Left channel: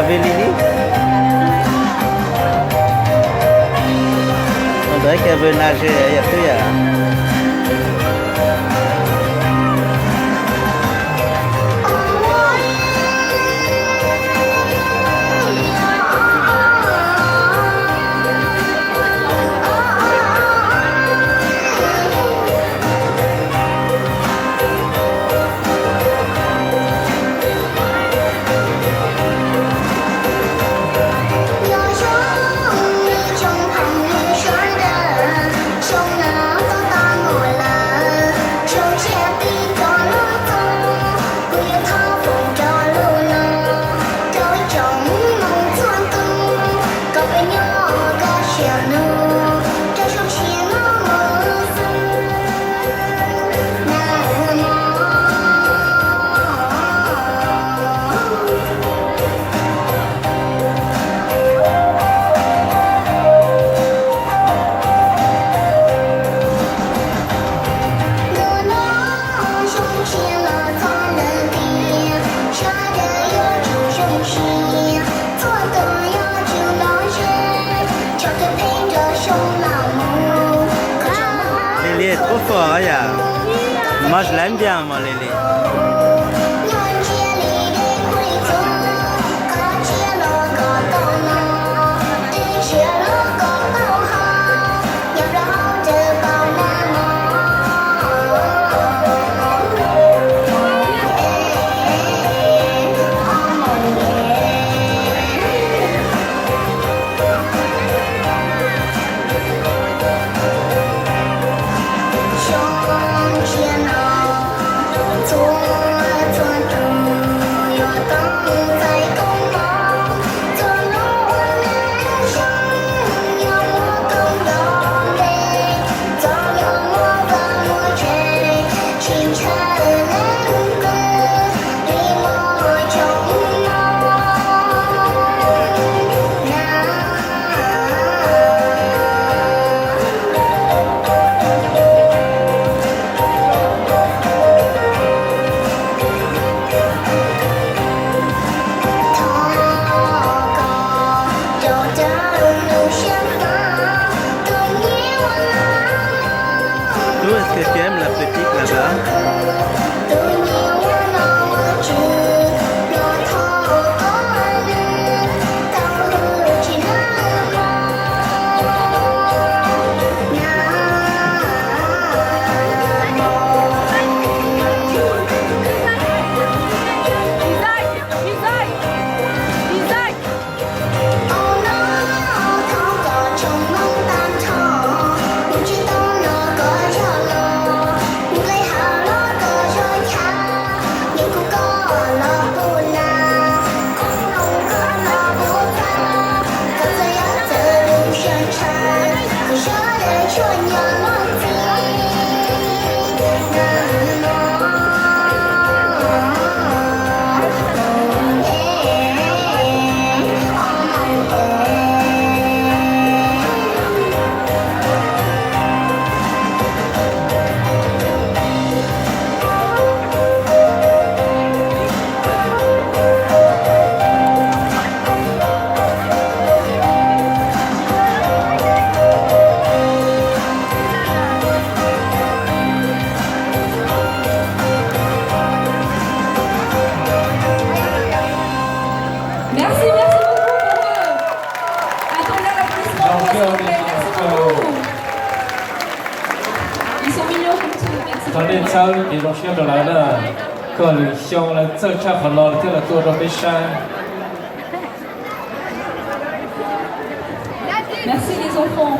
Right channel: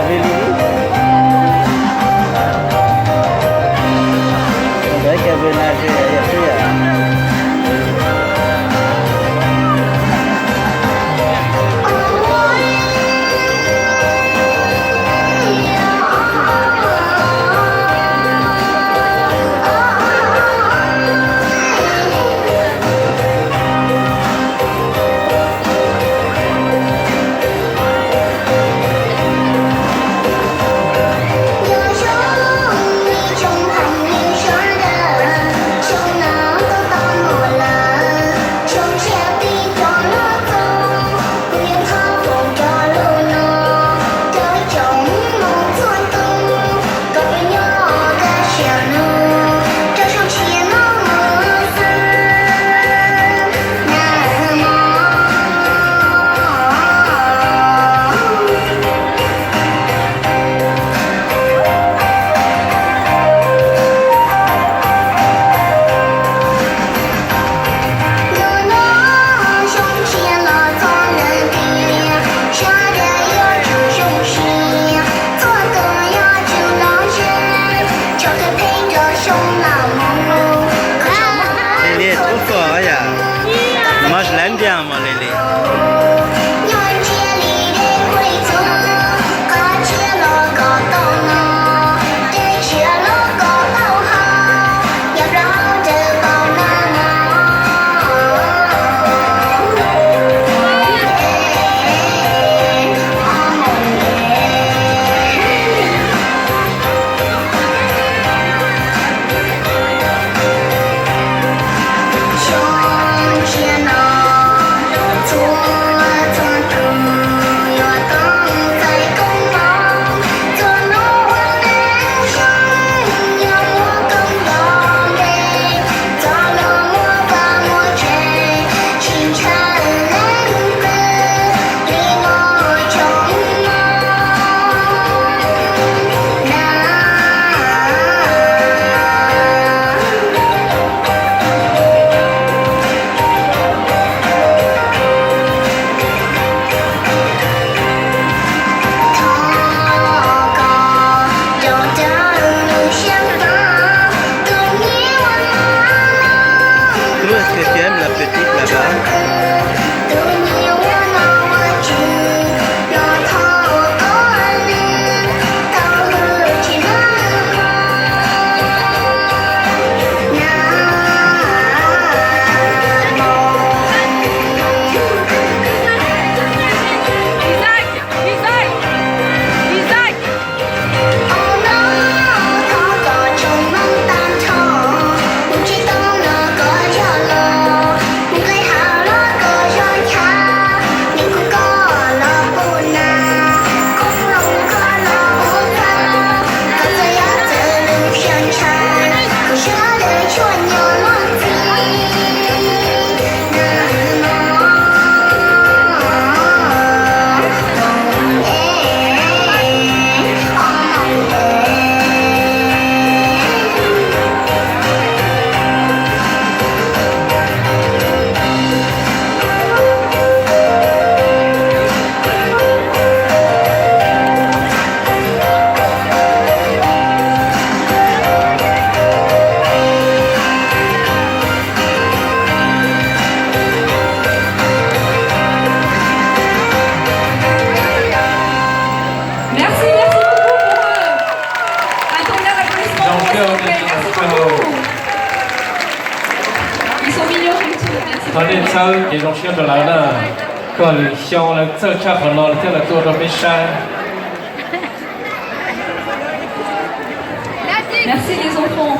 avait lui. On dirait qu'elle veut nager. Il y a plus. Moi je l'aime bien, moi, Lily. Est-ce que tu aimes la petite là-bas? Cho nên sau thì nó sẽ trở lại là còn xong là sơ chắc phần lo tức là tôi đã biết sai. Merci les enfants.